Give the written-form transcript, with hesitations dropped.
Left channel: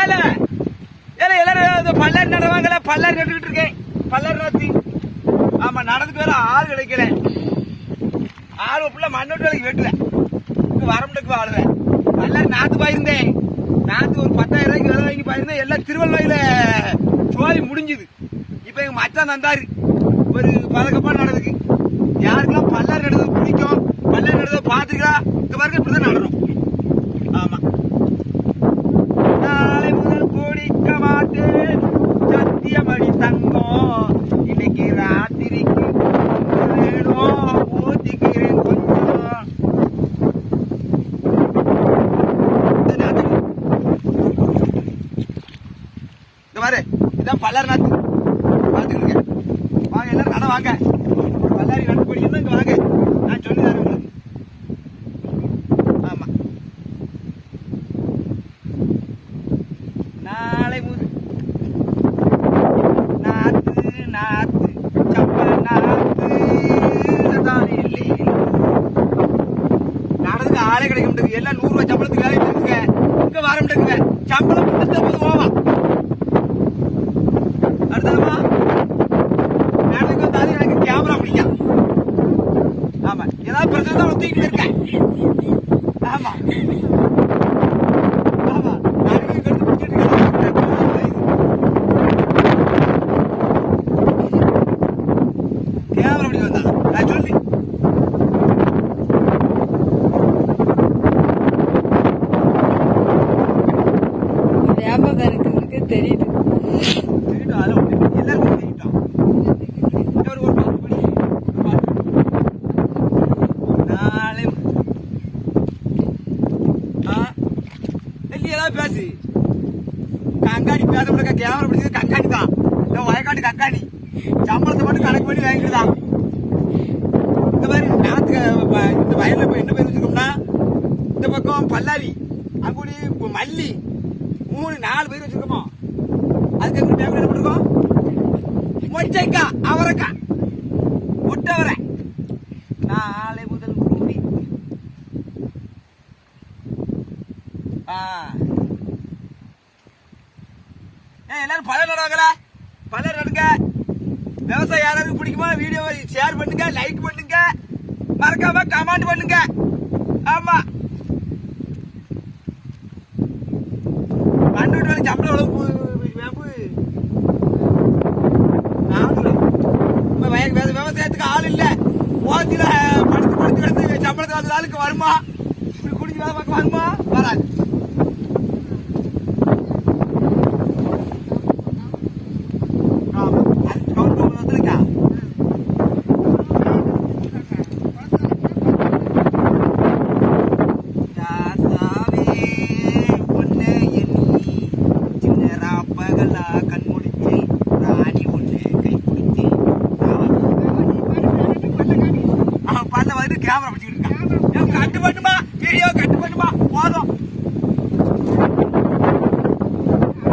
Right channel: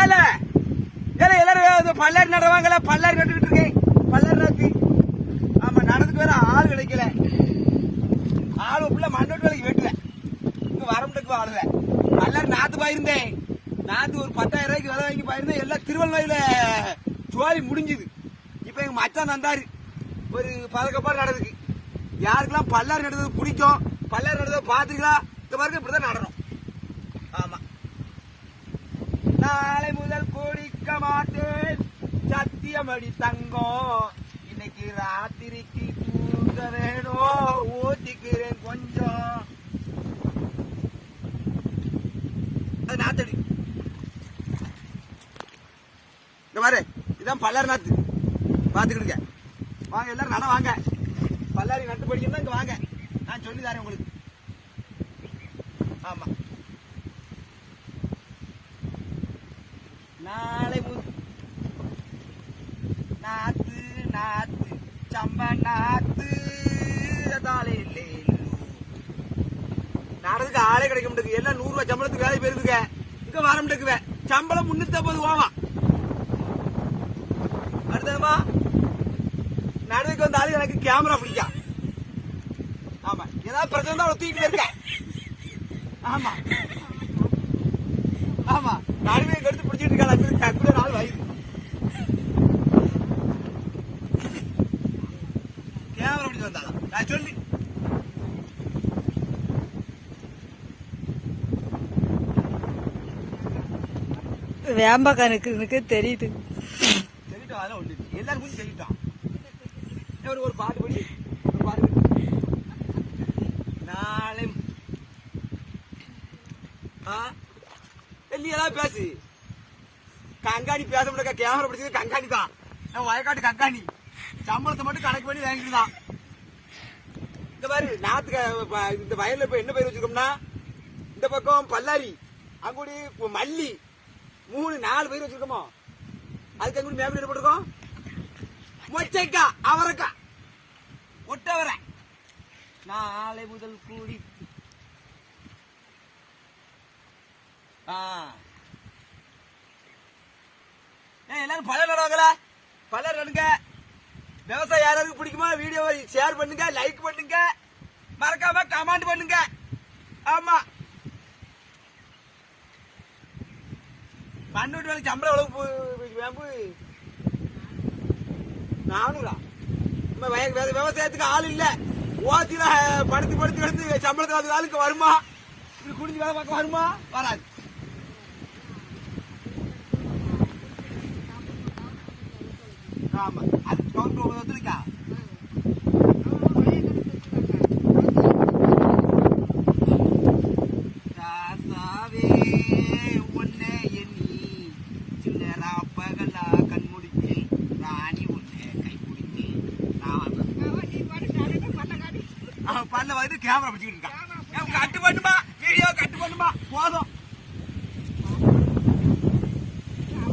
ஏல ஏல எல்லாரும் பல்லாரி நடவாங்கல, பல்லாரி நட்டுக்கிட்டு இருக்கேன். பல்லாரி நோத்தி ஆமா நடந்துட்டு வர ஆள் கிடைக்கல. ஆள் ஃபுல்லா மண்ணோட்டு வேலைக்கு வெட்டுவேன். இங்க வரமுட்டுக்கு ஆளுவேன். பல்லாரி நாத்து பாயிருந்தேன். நாத்து ஒரு 10,000 ரூபாய்க்கு விலை வாங்கி பாயிருந்தேன். எல்லாம் திருவள்ளுவாயில சோழி முடிஞ்சுது. இப்ப எங்க மச்சான் தந்தாரு ஒரு பதக்கப்பாடு நடக்குது. யாருக்கெல்லாம் பல்லாரி நடுறது பிடிக்கும், பல்லாரி நடுறத பாத்துக்கலாம். இந்த பாருங்க இப்படிதான் நடணும். ஆமா நாளை முதல் குடிக்க மாட்டேன் சத்தியமடி தங்கம். இன்னைக்கு ராத்திரிக்கு வேணும் ஊத்திக்கிறேன் கொஞ்சம். இந்த பாரு இதான் பல்லாரி நாத்து பாத்துக்கிட்டு வாங்க. எல்லாரும் நட வாங்க. பல்லாரி நட்டு படிக்கணும். இங்க வாங்க, நான் சொல்லி தரேன் உங்களுக்கு. ஆமா நாளை முதல் நாத்து நாத்து சம்ம நாத்து நடந்துக்கு ஆளே கிடைக்க மாட்டேங்குது. எல்லாம் 100 ரூபாய் சம்பளத்துக்கு வேலை போயிருக்குங்க. இங்க வர மாட்டேங்குது. சம்பளம் கொடுத்த போது போவா. அடுத்ததுமா நடந்துக்கு வந்தாலும் எனக்கு கேமரா பிடிக்கும். ஆமா ஏதாவது பிரச்சனை தான் தூக்கிட்டு இருக்கேன். ஆமா ஆமா நானுமே கருத்து பிடிச்சிட்டு இருக்கேன். கேமரா பிடிச்சி வந்தா நான் சொல்லி வியாபாரக்கு தெரியுது. எல்லாருக்கும் செய்யிட்டான். ஒரு பாட்டு படி நாளை எல்லாம் பேசு. கங்காணி பேச முடிய கேமரா பிடிச்சது கங்காணி தான். இல்லை வயக்காட்டு கங்காணி சம்பளத்தை மட்டும் கணக்கு பண்ணி வாங்கிட்டுதான். இந்த மாதிரி நாத்து இந்த வயல்ல போய் என்ன பேர் வச்சிருக்கோம்னா, இந்த பக்கம் பல்லாரி, அங்குடி மல்லி, 3-4 பேர் வச்சிருக்கோமா. அதுக்கு எப்படி பேங்க் என்ன பண்ணிருக்கோம்? மொச்சைக்கா, அவரைக்கா, முட்டவரை. நாளை முதல் கூடி எல்லாரும் பலர் நடுவாங்களா? பலர் நடுங்க. விவசாயம் யாராவது பிடிக்குமா? வீடியோவை ஷேர் பண்ணுங்க, லைக் பண்ணுங்க, மறக்காம கமெண்ட் பண்ணுங்க. ஆமா மண்ணு வேலை சம்பளம் எவ்வளவு? 400. விவசாயத்துக்கு ஆள் இல்ல. ஓசில படுத்து கிடந்து சம்பளத்துக்கு ஆளுக்கு வருமா? இப்படி குடிச்சு வேலை பார்க்க வருமா? வராது. ஆமா அது கவுண்ட் வந்துருக்கா. பல்ல வந்து கேமரா பிடிச்சிட்டு இருக்கான். கட்டு பண்ணுமா, வீடியோ கட்டு பண்ணுமா போதும்.